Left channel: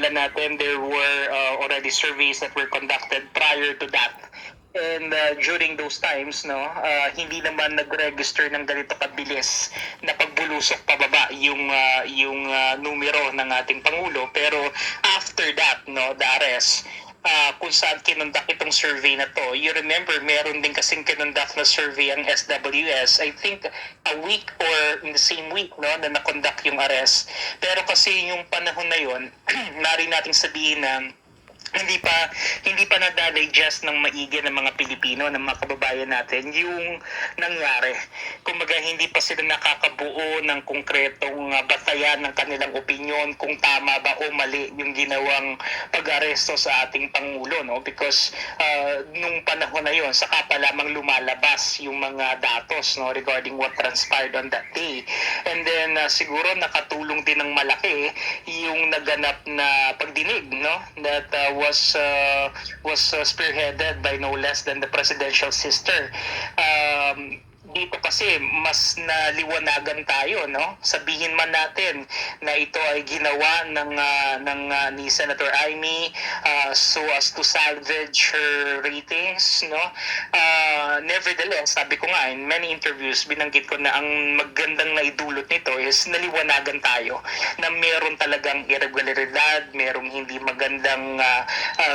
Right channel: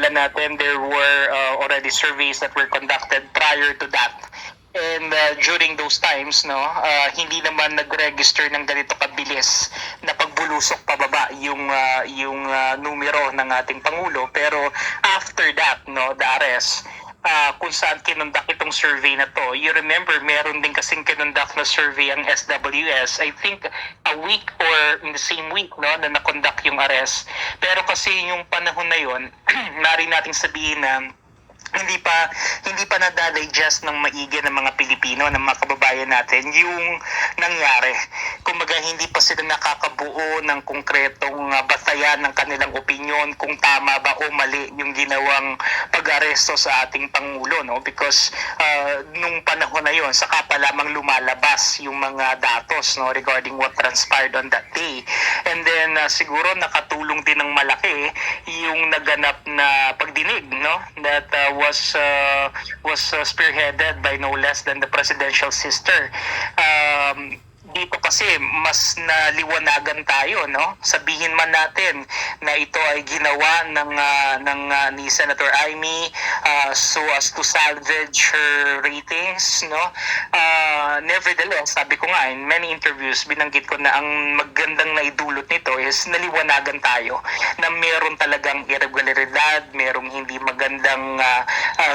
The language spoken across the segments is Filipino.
natin, there were already surveys that were conducted prior to that. And during those times, no, hindi naman nag-register ng ganito kabilis na pagbulusok pababa yung numero ng ating pangulo. Pero after that, no, the arrest, kung saan kinundak itong survey na to. You remember, meron din kasing kinundak na survey ang SWS, I think a week or in the same week, no, na nakondak yung arrest. Pero kasi yung panahon na yon, nari nating sabihin na hindi pa nadadigest ng maigi ng mga Pilipino, ng mga kababayan natin yung nangyari. Kumbaga hindi pa sila nakakabuo ng konkretong batayan ng kanilang opinyon kung tama ba o mali yung ginawang pag-aresto sa ating Pangulo, no? Because nung panahon na yon, saka pa lamang lumalabas yung mga datos, no, regarding what transpired on that day. And then siguro nakatulong din ng malaki yung naganap na pagdinig, no, that was spearheaded by no less than the presidential sister. Dito kasi mas naliwanagan tayo, no? Sabihin man natin na ito ay ginawa ni Senator Amy so as to salvage her ratings, no? Nevertheless, sabi ko nga in many interviews, binanggit ko na ang magandang naidulot nito is naliwanagan tayo na meron talagang irregularidad, merong hindi magandang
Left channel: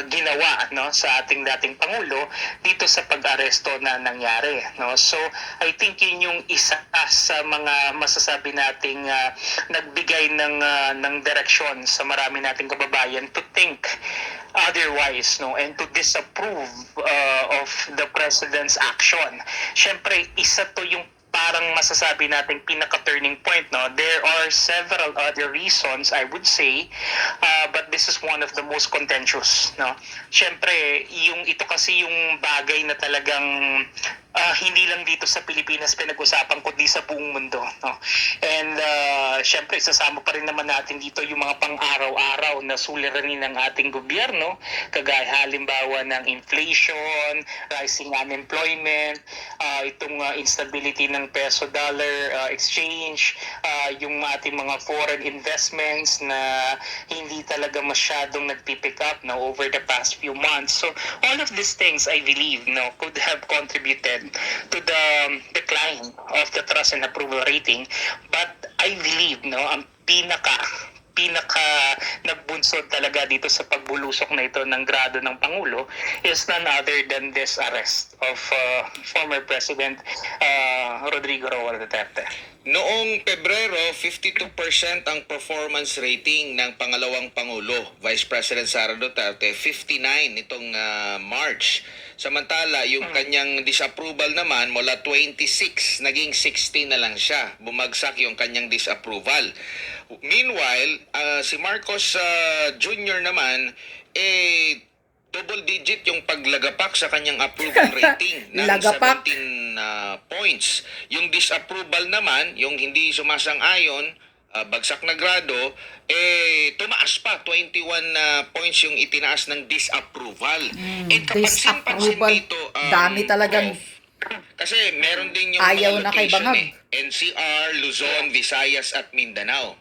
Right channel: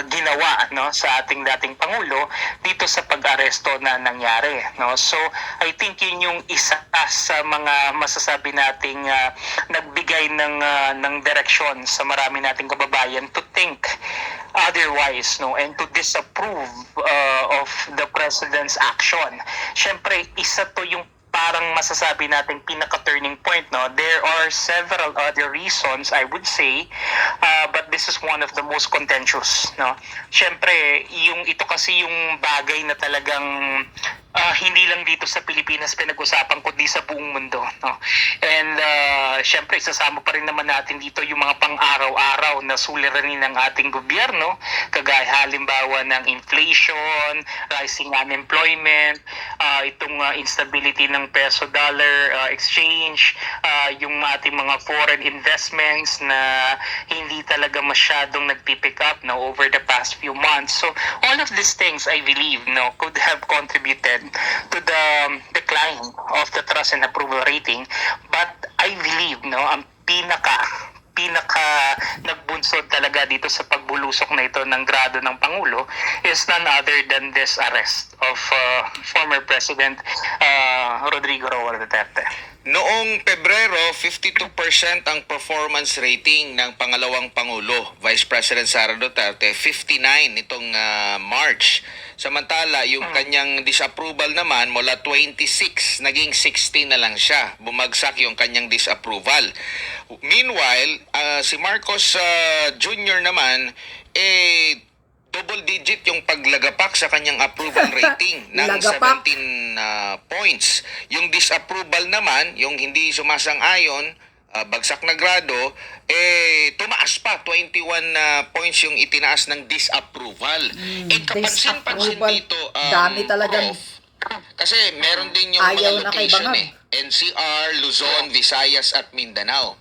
ginawa, no, sa ating dating pangulo dito sa pag-aresto na nangyari, no? So I think yun yung isa sa mga masasabi nating nagbigay ng direksyon sa marami nating kababayan to think otherwise, no, and to disapprove of the president's action. Syempre, isa to yung parang masasabi nating pinaka-turning point, no? There are several other reasons, I would say, but this is one of the most contentious, no? Syempre, ito kasi yung bagay na talagang hindi lang dito sa Pilipinas pinag-usapan kundi sa buong mundo, no? And syempre isasama pa rin naman natin dito yung mga pang-araw-araw na suliranin ng ating gobyerno, kagaya halimbawa ng inflation, rising unemployment, itong instability ng peso-dollar exchange, yung ating mga foreign investments na hindi talaga masyadong nagpipick up, no, over the past few months. So all of these things, I believe, no, could have contributed to the decline of the trust and approval rating. But I believe, no, ang pinaka nagbunsod talaga dito sa pagbulusok na ito ng grado ng Pangulo is none other than this arrest of former President Rodrigo Roa Duterte. Noong Pebrero, 52% ang performance rating ng pangalawang Pangulo, Vice President Sara Duterte, 59 nitong March. Samantala, yung kanyang disapproval naman mula 26, naging 16 na lang siya. Bumagsak yung kanyang disapproval. Meanwhile, si Marcos Jr. naman, double digit yung paglagapak sa kanyang approval rating ng 17 points. Yung disapproval naman, yung hindi sumasang-ayon, bagsak na grado, tumaas pa, 21 points yung itinaas ng disapproval. Kapansin-pansin dito, dami talagang kasi meron din yung ayaw mga location NCR, Luzon, Visayas at Mindanao.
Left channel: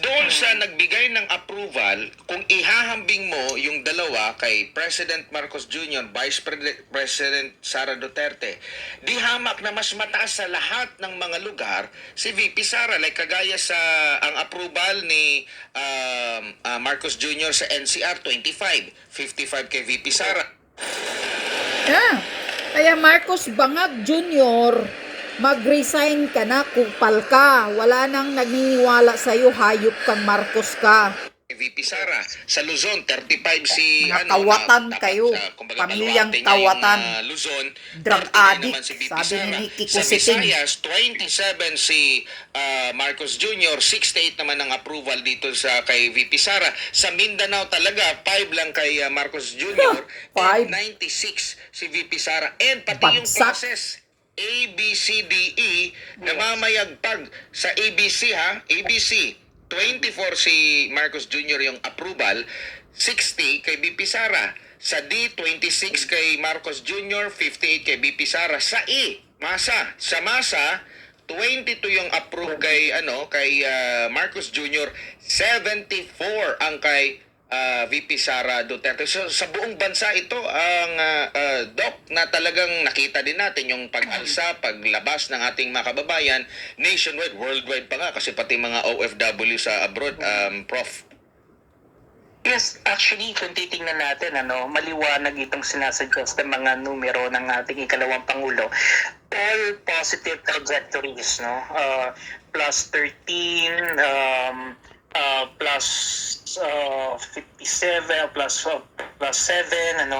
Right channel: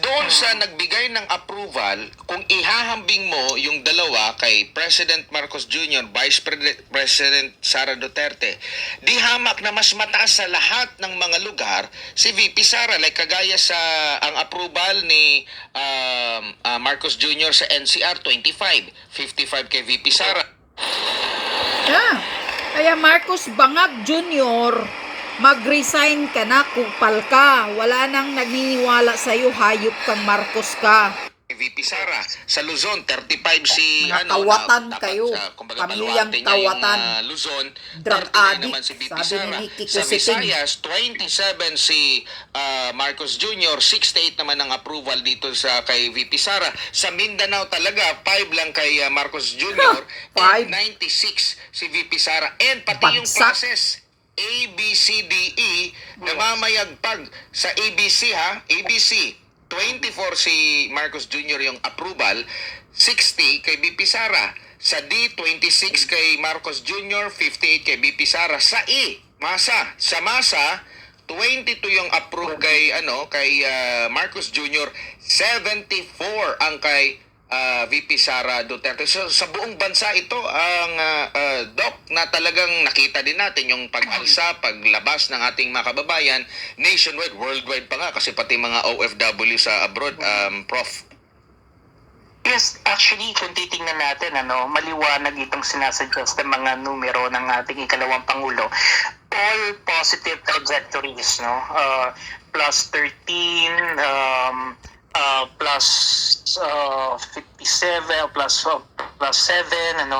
Doon sa nagbigay ng approval, kung ihahambing mo yung dalawa kay President Marcos Jr., Vice President Sara Duterte, di hamak na mas mataas sa lahat ng mga lugar si VP Sara. Like kagaya sa ang approval ni Marcos Jr. sa NCR, 25, 55 kay VP Sara. Kaya Marcos Bangag Jr., mag-resign ka na, kupal ka. Wala nang naniniwala sa'yo, hayop kang Marcos ka. VP Sara. Sa Luzon, 35 si Tawatan kayo. Pamilyang tawatan. Luzon, drug addict, si sabi ni Nikki Kusiting. Sa Visayas, 27 si Marcos Jr., 68 naman ang approval dito sa kay VP Sara. Sa Mindanao talaga, 5 lang kay Marcos Jr. and 96 si VP Sara. And pati yung process, ABCDE, namamayagpag sa ABC ABC. 24 si Marcos Jr. yung approval, 60 kay BP Sara. Sa D, 26 kay Marcos Jr., 58 kay BP Sara. Sa E, Masa. Sa Masa, 22 yung approve kay Marcos Jr., 74 ang kay VP Sara Duterte. So, sa buong bansa ito ang Doc, na talagang nakita din natin yung pag-alsa, paglabas ng ating mga kababayan nationwide, worldwide pa nga kasi pati mga OFW sa abroad, Prof. Yes, actually, kung titingnan natin, maliwanag itong sinasuggest ng mga numero ng ating ikalawang Pangulo. All positive trajectories, no? Plus 13, plus 57, plus 7,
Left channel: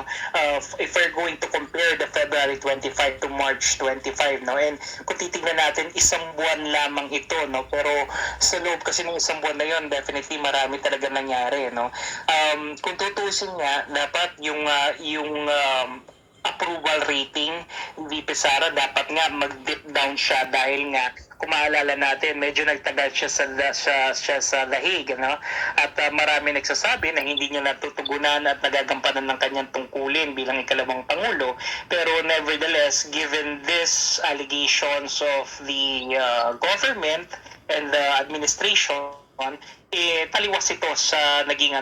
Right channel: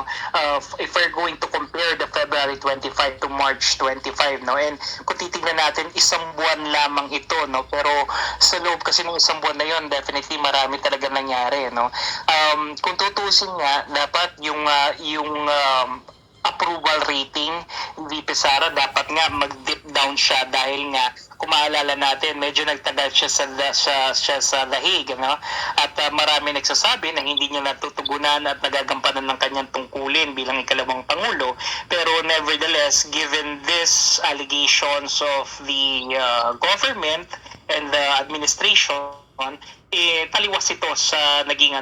if we're going to compare the February 25 to March 25, no? And kung titingnan natin, isang buwan lamang ito, no? Pero sa loob kasi ng isang buwan na yon, definitely marami talaga nangyari, no? Kung tutusin nga, dapat yung approval rating VP Sara dapat nga mag-dip down siya dahil nga kung maalala natin medyo nagtagal siya sa The Hague, no? At marami nagsasabi na hindi niya natutugunan at nagagampanan ng kanyang tungkulin bilang ikalawang Pangulo, pero nevertheless, given this allegations of the government and the administration, taliwas ito sa naging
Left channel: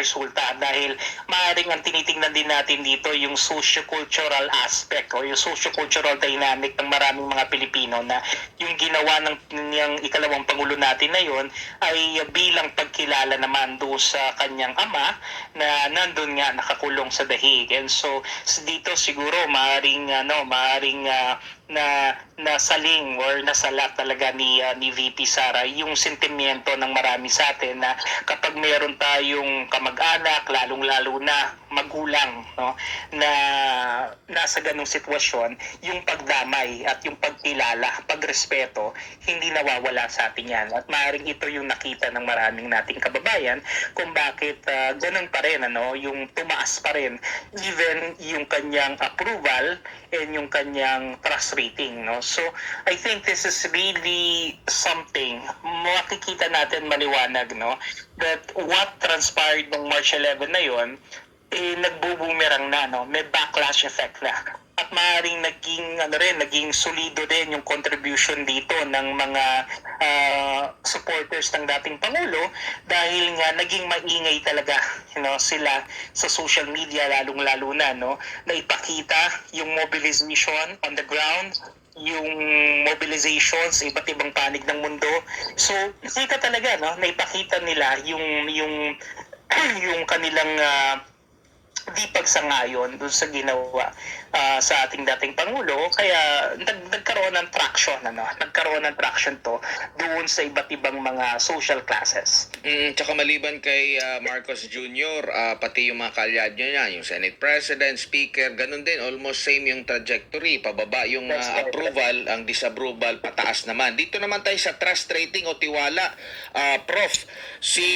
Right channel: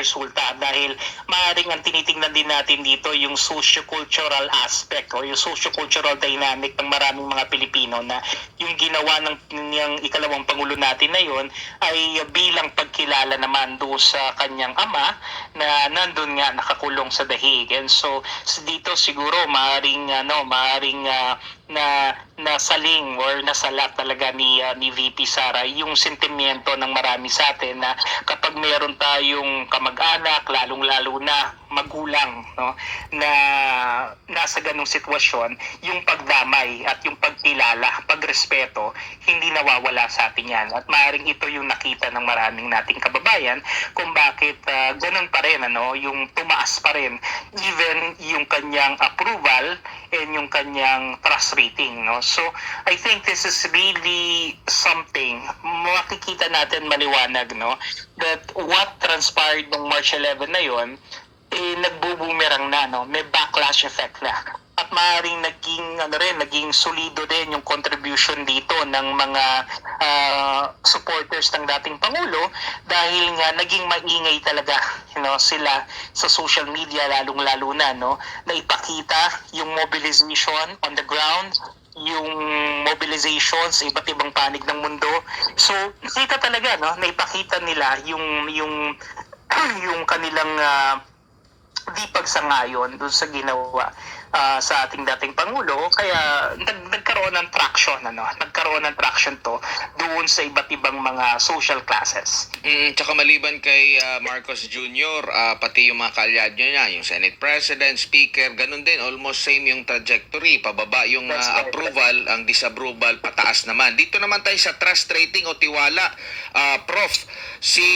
resulta dahil maaaring ang tinitingnan din natin dito yung socio-cultural aspect o yung socio-cultural dynamic ng maraming mga Pilipino na yung ginawa ng ikalawang Pangulo natin na yon ay bilang pagkilala naman doon sa kanyang ama na nandun nga nakakulong sa The Hague. And so dito siguro maaaring na nasaling or nasala talaga ni VP Sara yung sentimiento ng marami sa atin na kapag meron tayong kamag-anak, lalong-lalo na magulang, no, na nasa ganung sitwasyon, yung pagdamay at yung pagkilala, pagrespeto, hindi nawawala sa atin yan. At maaaring ito yung nakita ng maraming nating kababayan kung bakit ganun pa rin, yung tumaas pa rin even yung kanyang approval and yung kanyang trust rating, no. So I think this is really something makikita natin maliwanag, no, that what transpired ng March 11 na yon nagbubumerang na, no, may backlash effect na. At maaaring naging solido din yung contribution dito ng mga supporters ng dating Pangulo dahil nga naging maingay talaga, sila sa social media lalong-lalo na, no, na ipakita yung mobilization on the ground, yung mobilization sa iba't ibang panig ng mundo. So, nakita talaga, no, na ipakita nila yung yung kanilang di pagsangayon doon sa ginawa sa ating dating Pangulo, kaya nagkaroon ng traction, nagkaroon ng traction to doon sa iba't ibang mga social classes. Tsaka maliban kay Marcos Jr., pati yung mga kalyad niya, yung Senate President, Speaker, ganun din, almost same yung trajectory, pababa yung approval, ang disapproval, pataas naman. Dito naman tayo sa trust rating o tiwala. Prof, si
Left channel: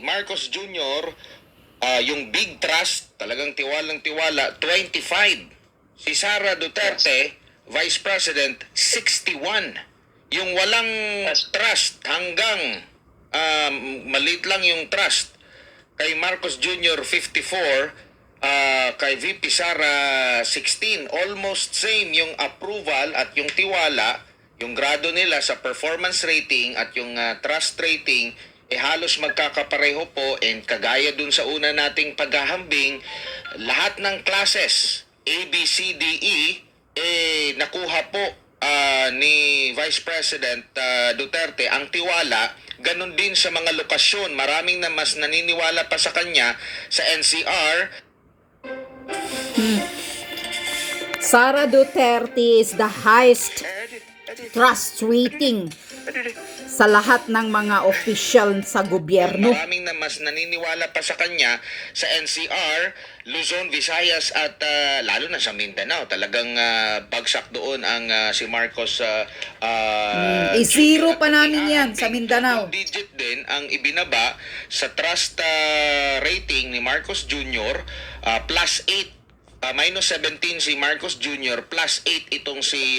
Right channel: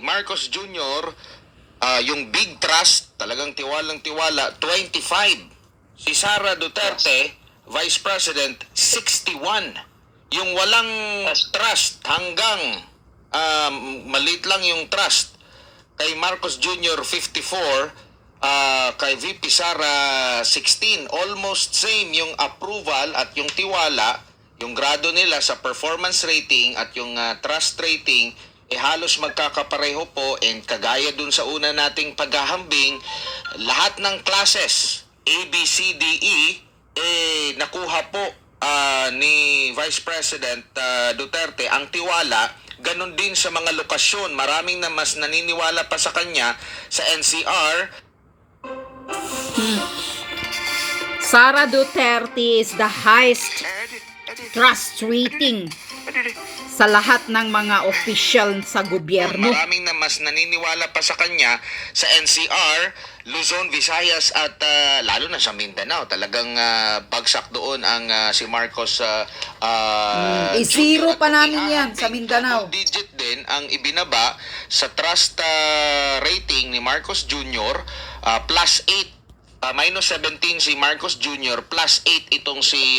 Marcos Jr., yung big trust, talagang tiwalang-tiwala, 25. Si Sara Duterte, Vice President, 61. Yung walang trust hanggang maliit lang yung trust. Kay Marcos Jr., 54. Kay VP Sara, 16. Almost same yung approval at yung tiwala, yung grado nila sa performance rating at yung trust rating, halos magkakapareho po, and kagaya dun sa una nating paghahambing, lahat ng classes A, B, C, D, E nakuha po ni Vice President Duterte ang tiwala. Ganon din sa mga lokasyon, maraming na mas naniniwala pa sa kanya sa NCR. Sara Duterte is the highest trust rating sa lahat ng mga official sa gobyerno. Maraming na mas naniniwala pa sa kanya sa NCR, Luzon, Visayas at lalo na sa Mindanao. Talagang bagsak doon ang si Marcos. Zero pa namin yan sa Mindanao. Digit din ang ibinaba sa trust rating ni Marcos Jr. Plus 8. Minus 17 si Marcos Jr., plus 8 itong si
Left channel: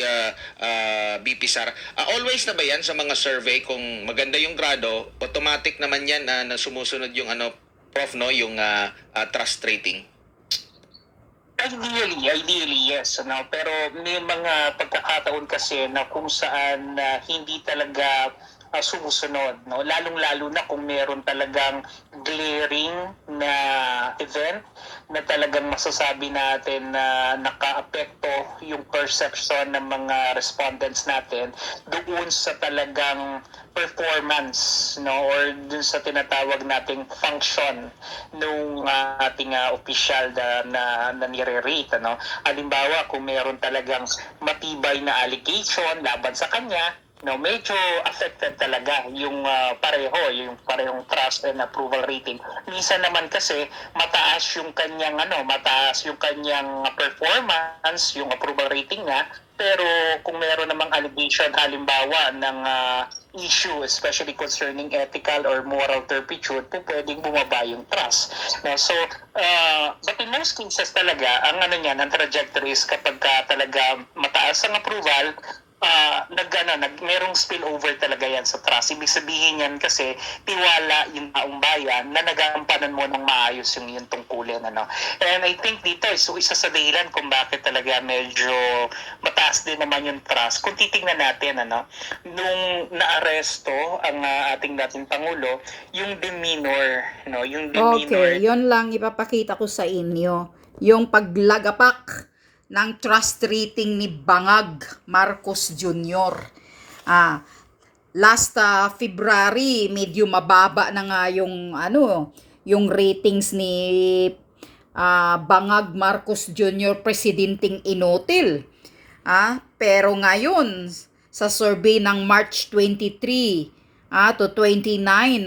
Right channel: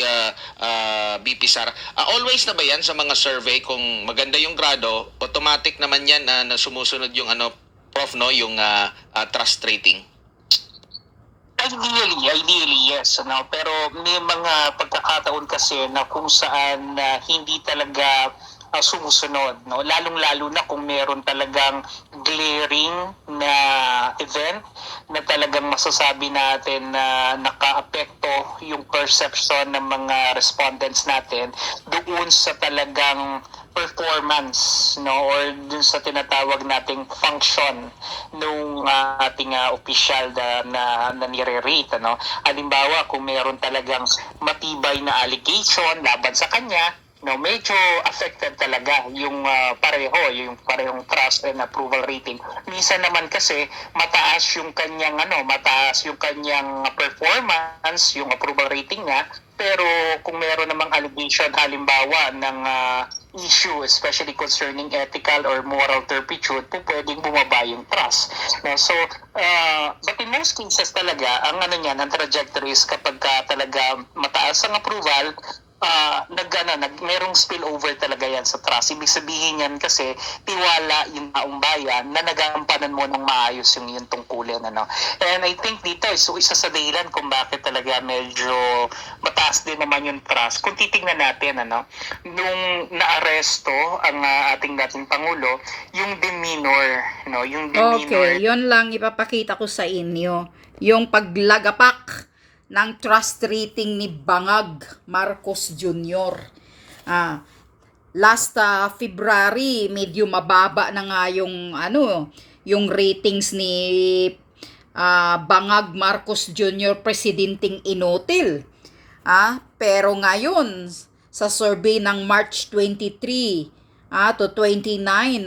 VP Sara. Always na ba yan sa mga survey, kung maganda yung grado, automatic naman yan na sumusunod yung Prof, no, yung trust rating? Ideally yes, pero may mga pagkakataon kasi na kung saan hindi talaga sumusunod, no? Lalong-lalo na kung meron talagang glaring na event na talagang masasabi natin na nakaapekto yung perception ng mga respondents natin doon sa talagang performance, no, or dun sa tinatawag nating function nung ating opisyal na nire-rate, ano. Halimbawa, kung meron talagang matibay na allegation laban sa kanya, no, medyo affected talaga yung yung parehong trust and approval rating. Minsan naman kasi mataas yung kanyang performance, yung approval rating niya, pero kung meron namang allegation halimbawa ng issue, especially concerning ethical or moral turpitude, po pwedeng bumaba yung trust. No? So, but in most cases talaga, ang ang trajectory is kapag talaga mataas ang approval, merong spillover talaga yan sa trust. Ibig sabihin yan kasi tiwala yung taong bayan na nagampanan mo ng maayos yung iyong tungkulin. Ano? And I think dito, so isa sa dahilan kung bakit talaga medyo mataas din naman yung trust. Kung titingnan natin, nung naaresto ang ating dating Pangulo, yung demeanor, yung demeanor. Okay, yon lang ipapakita ko sa inyo. Yung paglagapak ng trust rating ni Bangag Marcos Jr. Last February, medyo mababa na nga yung ratings ni Bangag Marcos Jr. presidenting inutil. Pero ngayon, sa survey ng March 23 to 29,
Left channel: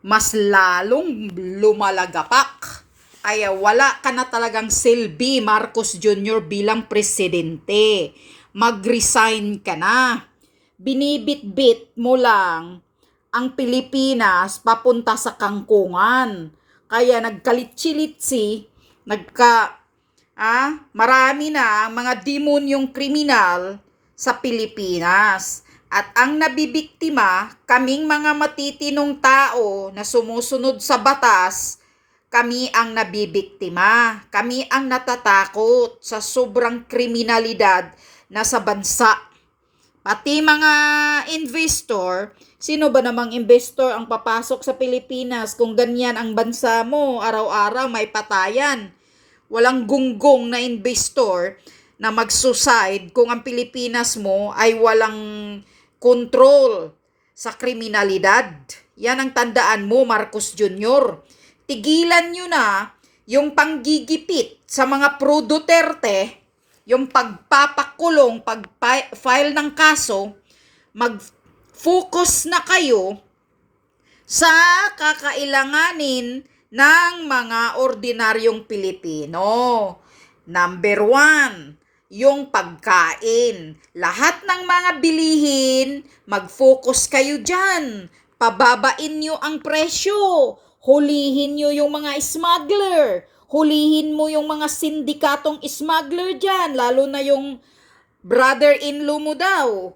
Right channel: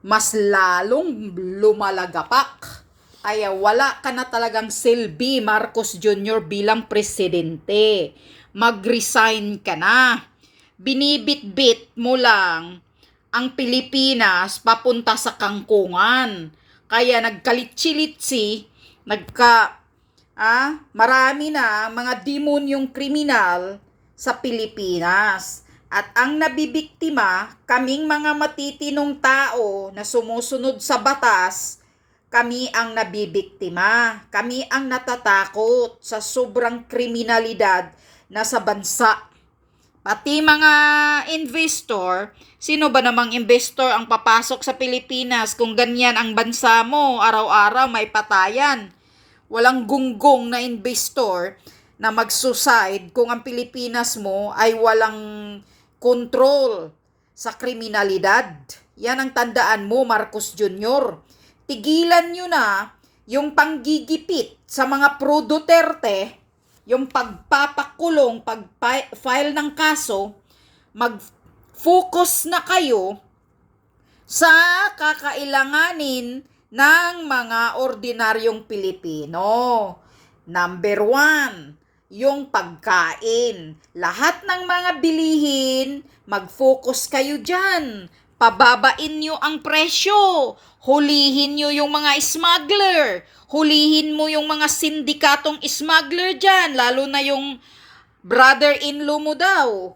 mas lalong lumalagapak. Ay wala ka na talagang silbi, Marcos Jr. bilang presidente. Mag-resign ka na. Binibit-bit mo lang ang Pilipinas papunta sa kangkungan. Kaya nagkalitsi-litsi, marami na mga demonyong kriminal sa Pilipinas. At ang nabibiktima, kaming mga matitinong tao na sumusunod sa batas, kami ang nabibiktima. Kami ang natatakot sa sobrang kriminalidad na sa bansa. Pati mga investor, sino ba namang investor ang papasok sa Pilipinas kung ganyan ang bansa mo, araw-araw may patayan. Walang gunggong na investor na mag-suicide kung ang Pilipinas mo ay walang control sa kriminalidad. Yan ang tandaan mo, Marcos Jr. Tigilan nyo na yung panggigipit sa mga pro Duterte, yung pagpapakulong, pag-file ng kaso, mag-focus na kayo sa kakailanganin ng mga ordinaryong Pilipino. Number 1, yung pagkain. Lahat ng mga bilihin, mag-focus kayo dyan. Pababain nyo ang presyo. Hulihin nyo yung mga smuggler. Hulihin mo yung mga sindikatong smuggler dyan. Lalo na yung brother-in-law mo daw.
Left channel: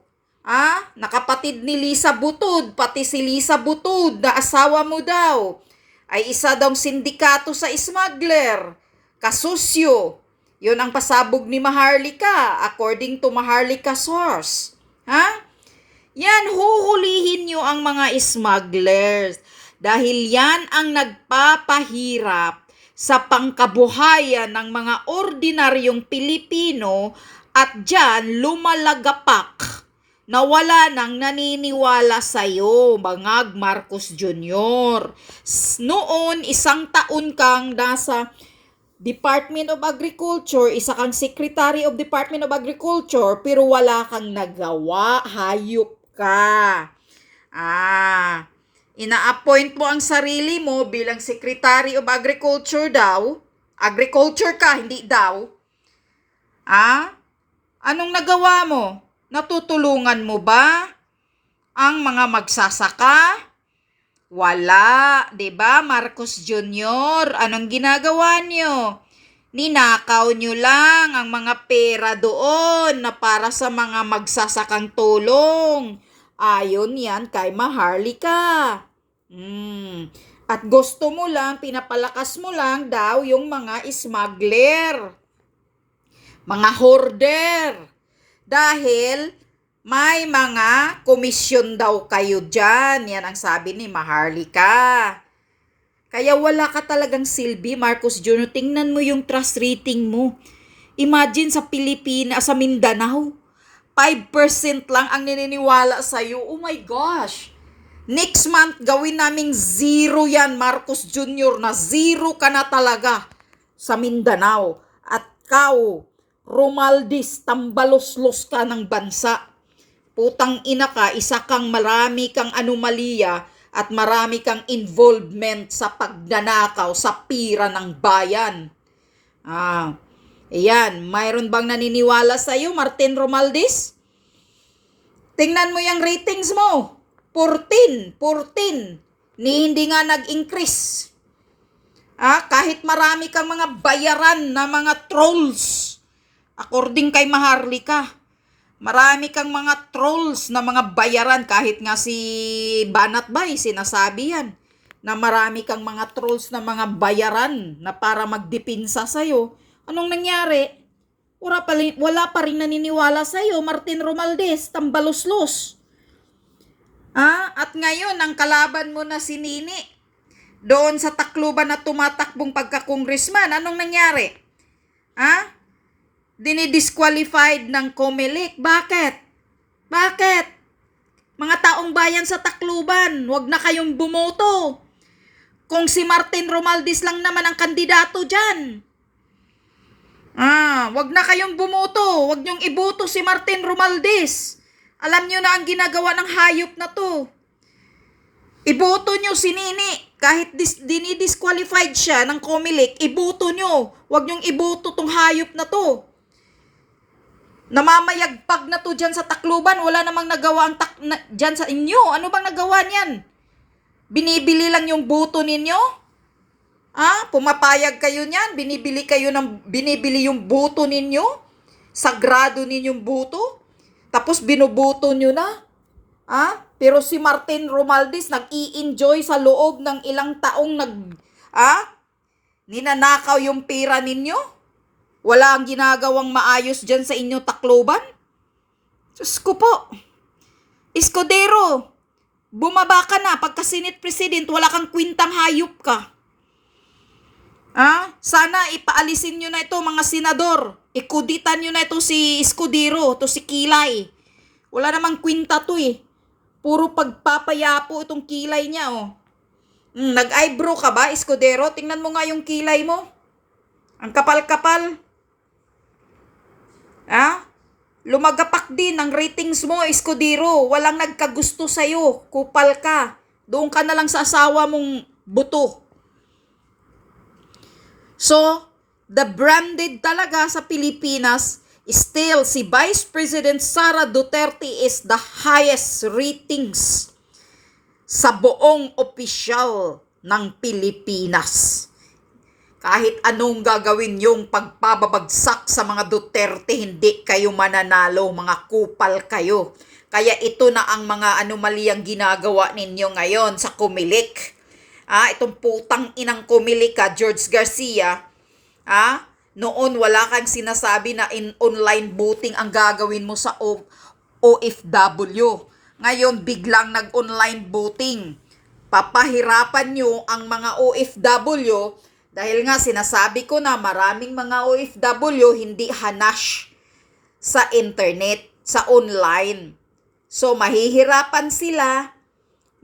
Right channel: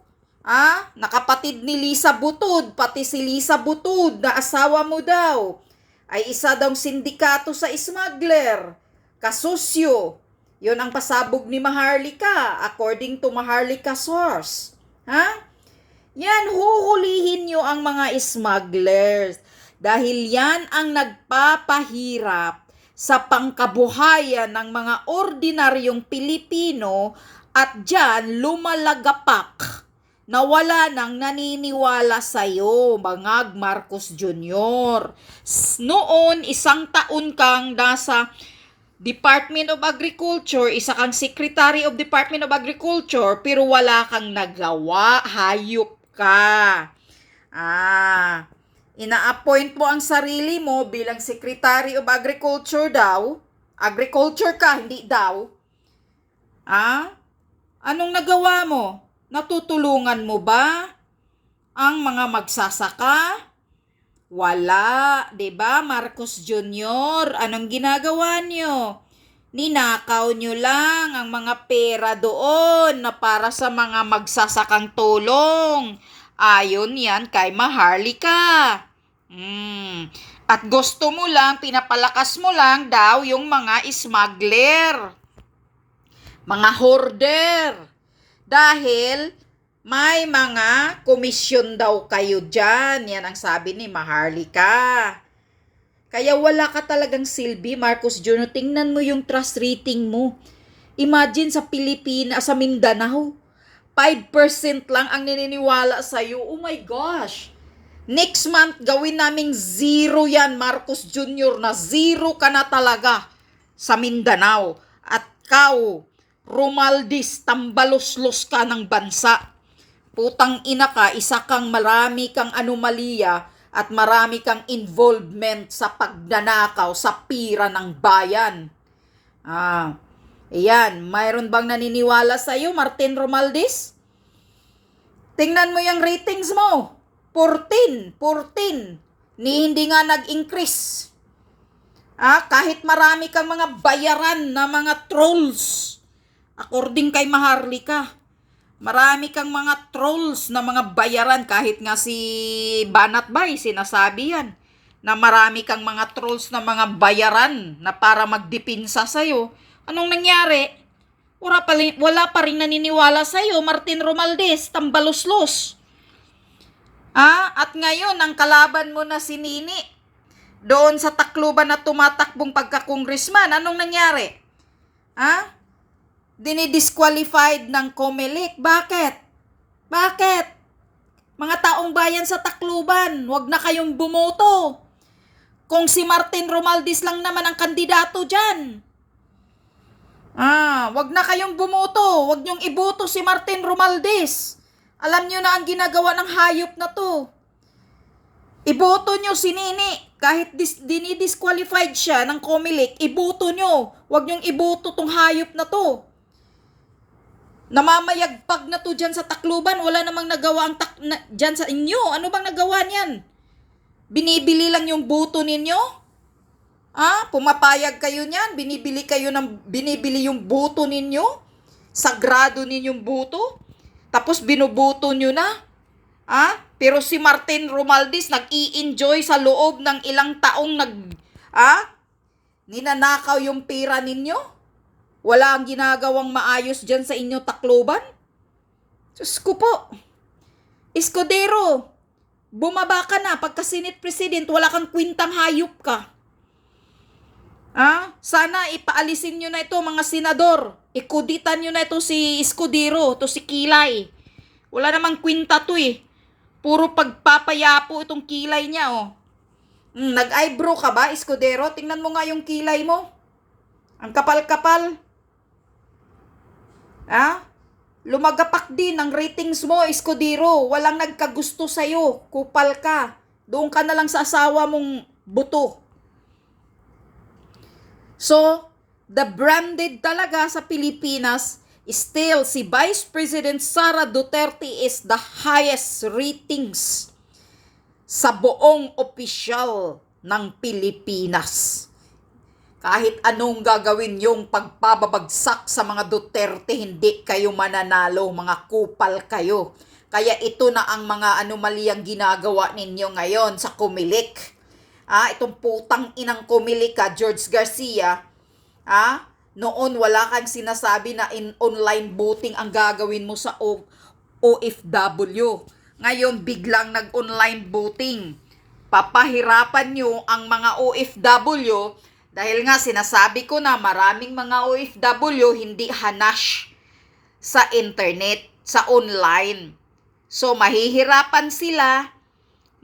Nakapatid ni Lisa Butod. Pati si Lisa Butod na asawa mo daw. Ay isa daw sindikato sa smuggler. Kasusyo. Yun ang pasabog ni Maharlika. According to Maharlika source. Yan, huhulihin nyo ang mga smugglers. Dahil yan ang nagpapahirap sa pangkabuhayan ng mga ordinaryong Pilipino at dyan lumalagapak na wala nang naniniwala sa'yo, Bangag Marcos Jr. Noon, 1 taon kang nasa Department of Agriculture, isa kang Secretary of Department of Agriculture, pero wala kang nagawa, hayop ka. Ina-appoint mo ang sarili mo bilang Secretary of Agriculture daw. Agriculture ka, hindi daw. Anong nagawa mo? Natutulungan mo ba ang mga magsasaka? Wala, 'di ba, Marcos Jr.? Anong ginagawa niyo? Ninakaw nyo lang ang mga pera doon na para sa mga magsasakang tulong. Ayon yan kay Maharlika. At gusto mo lang, pinapalakas mo lang daw yung mga smuggler, mga hoarder. Dahil may mga komisyon daw kayo dyan. Yan ang sabi ni Maharlika. Kaya wala ka talagang silbi, Marcos Jr. Tingnan mo yung trust rating mo. Imagine sa Pilipinas, sa Mindanao, 5% lang ang naniniwala sa'yo. Oh my gosh! Next month, gawin naming 0 yan, Marcos Jr. na 0 ka na talaga sa Mindanao. At kau, Romaldis, tambaloslos ka ng bansa. Putang ina ka, isa kang marami kang anomalya at marami kang involvement sa pagnanakaw sa pira ng bayan. Ayan, mayroon bang naniniwala sa iyo, Martin Romaldis? Tingnan mo yung ratings mo. 14. Ni hindi nga nag-increase. Kahit marami kang mga bayaran na mga trolls. According kay Maharlika, marami kang mga trolls na mga bayaran. Kahit nga si Banat Bay, sinasabi yan, na marami kang mga trolls na mga bayaran na para magdipinsa sa'yo. Anong nangyari? Wala pa rin naniniwala sa'yo, Martin Romaldis, tambaloslos. At ngayon, ang kalaban mo na si Nini, doon sa Tacloban na tumatakbong pagka-congressman, anong nangyari? Dinidisqualified ng COMELEC. Bakit? Mga taong bayan sa Tacloban, wag na kayong bumoto. Kung si Martin Romaldis lang naman ang kandidato dyan. Wag na kayong bumoto. Wag niyong iboto si Martin Romaldis. Alam niyo na ang ginagawa ng hayop na to. Iboto niyo si Nini. Kahit dinidisqualified siya ng COMELEC, iboto niyo. Wag niyong iboto tong hayop na to. Namamayagpag na to dyan sa Tacloban. Wala namang nagawa ang dyan sa inyo. Ano bang nagawa niyan? Binibili lang yung boto ninyo? Pumapayag kayo niyan? Binibili yung boto ninyo? Sagrado ninyong boto? Tapos binuboto nyo na? Pero si Martin Romaldis nag-i-enjoy sa loob ng ilang taong ninanakaw yung pera ninyo? Wala ang ginagawang maayos dyan sa inyo Tacloban? Diyos ko po. Escudero, bumaba ka na. Pagka Senate President, wala kang kwintang hayop ka. Sana ipaalisin nyo na ito mga senador. Ikuditan nyo na ito si Escudero, to si Kilay. Wala namang kwinta to eh. Puro pagpapayapo itong kilay niya oh. Nag-eyebrow ka ba, Escudero? Tingnan mo nga yung kilay mo. Ang kapal-kapal. Lumagapak din ang ratings mo, Escudero. Walang nagkagusto sa'yo. Kupal ka. Doon ka na lang sa asawa mong buto. So, the branded talaga sa Pilipinas, still si Vice President Sara Duterte is the highest ratings sa buong opisyal ng Pilipinas. Kahit anong gagawin yung pagpababagsak sa mga Duterte, hindi kayo mananalo, mga kupal kayo. Kaya ito na ang mga anomalyang ginagawa ninyo ngayon sa COMELEC. Itong putang inang COMELEC George Garcia, noon wala kang sinasabi na online voting ang gagawin mo sa OFW. Ngayon biglang nag-online voting. Papahirapan nyo ang mga OFW dahil nga sinasabi ko na maraming mga OFW hindi hanash sa internet, sa online. So mahihirapan sila,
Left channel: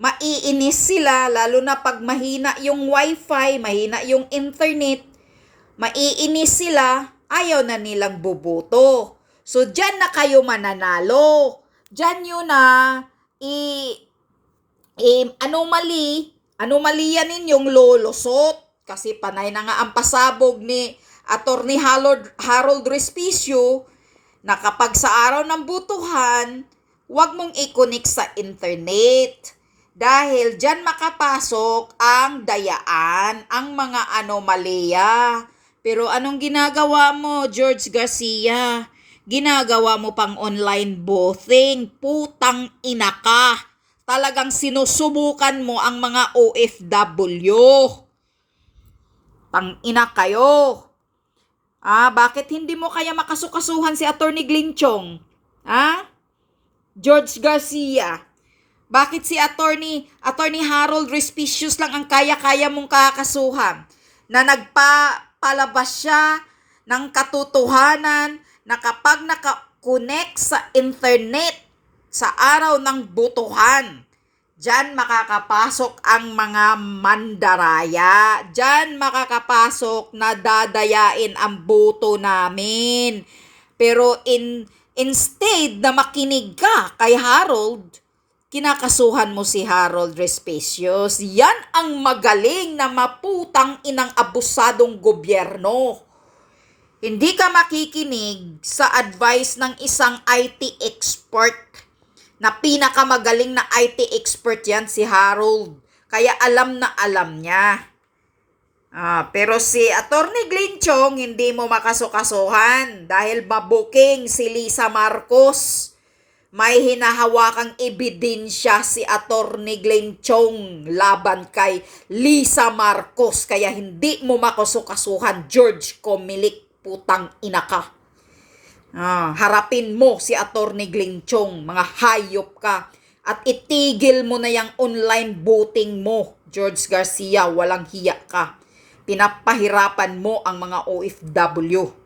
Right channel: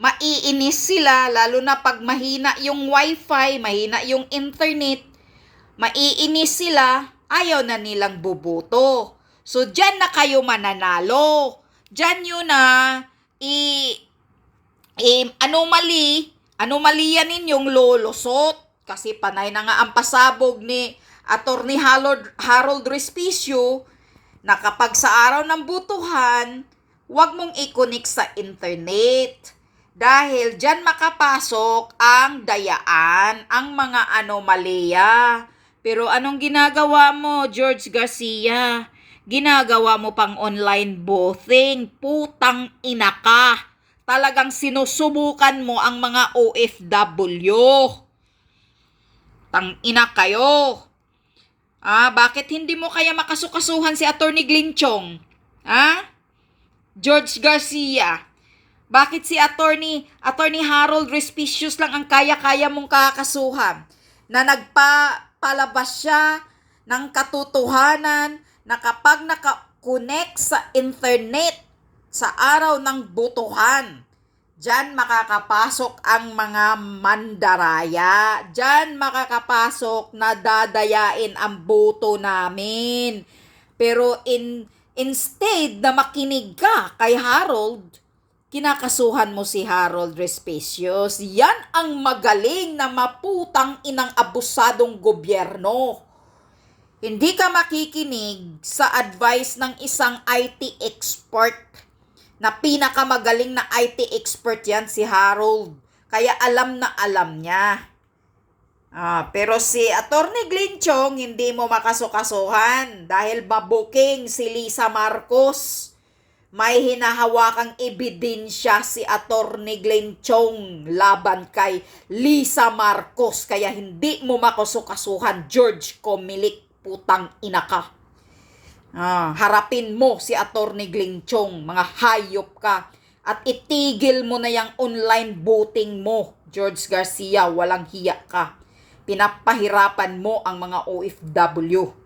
maiinis sila, lalo na pag mahina yung wifi, mahina yung internet, maiinis sila, ayaw na nilang boboto. So, dyan na kayo mananalo. Dyan yun na anomalya ninyong lolusot. Kasi panay na nga ang pasabog ni Attorney Harold Respicio na kapag sa araw ng butuhan, huwag mong i-connect sa internet. Dahil dyan makapasok ang dayaan, ang mga anomalya. Pero anong ginagawa mo, George Garcia? Ginagawa mo pang online voting. Putang ina ka. Talagang sinusubukan mo ang mga OFW. Tang ina kayo. Bakit hindi mo kaya makasukasuhan si Attorney Glinchong? George Garcia, bakit si Attorney Harold Respicius lang ang kaya-kaya mong kakasuhan na nagpalabas siya ng katotohanan na kapag nakakonect sa internet sa araw ng botohan, diyan makakapasok ang mga mandaraya. Diyan makakapasok na dadayain ang boto namin. Pero instead na makinig ka kay Harold, kinakasuhan mo si Harold Respicius. Yan ang magaling na maputang inang abusadong gobyerno. Hindi ka makikinig sa advice ng isang IT expert na pinakamagaling na IT expert yan si Harold. Kaya alam na alam niya. Pero si Attorney Glenn Chong hindi mo makasukasuhan dahil mabuking si Lisa Marcos. May hinahawakang ebidensya si Attorney Glenn Chong laban kay Lisa Marcos. Kaya hindi mo makasukasuhan, George Comelec, putang ina ka. Harapin mo si Attorney Glenn Chong, mga hayop ka. At itigil mo na yung online voting mo, George Garcia, walang hiya ka. Pinapahirapan mo ang mga OFW.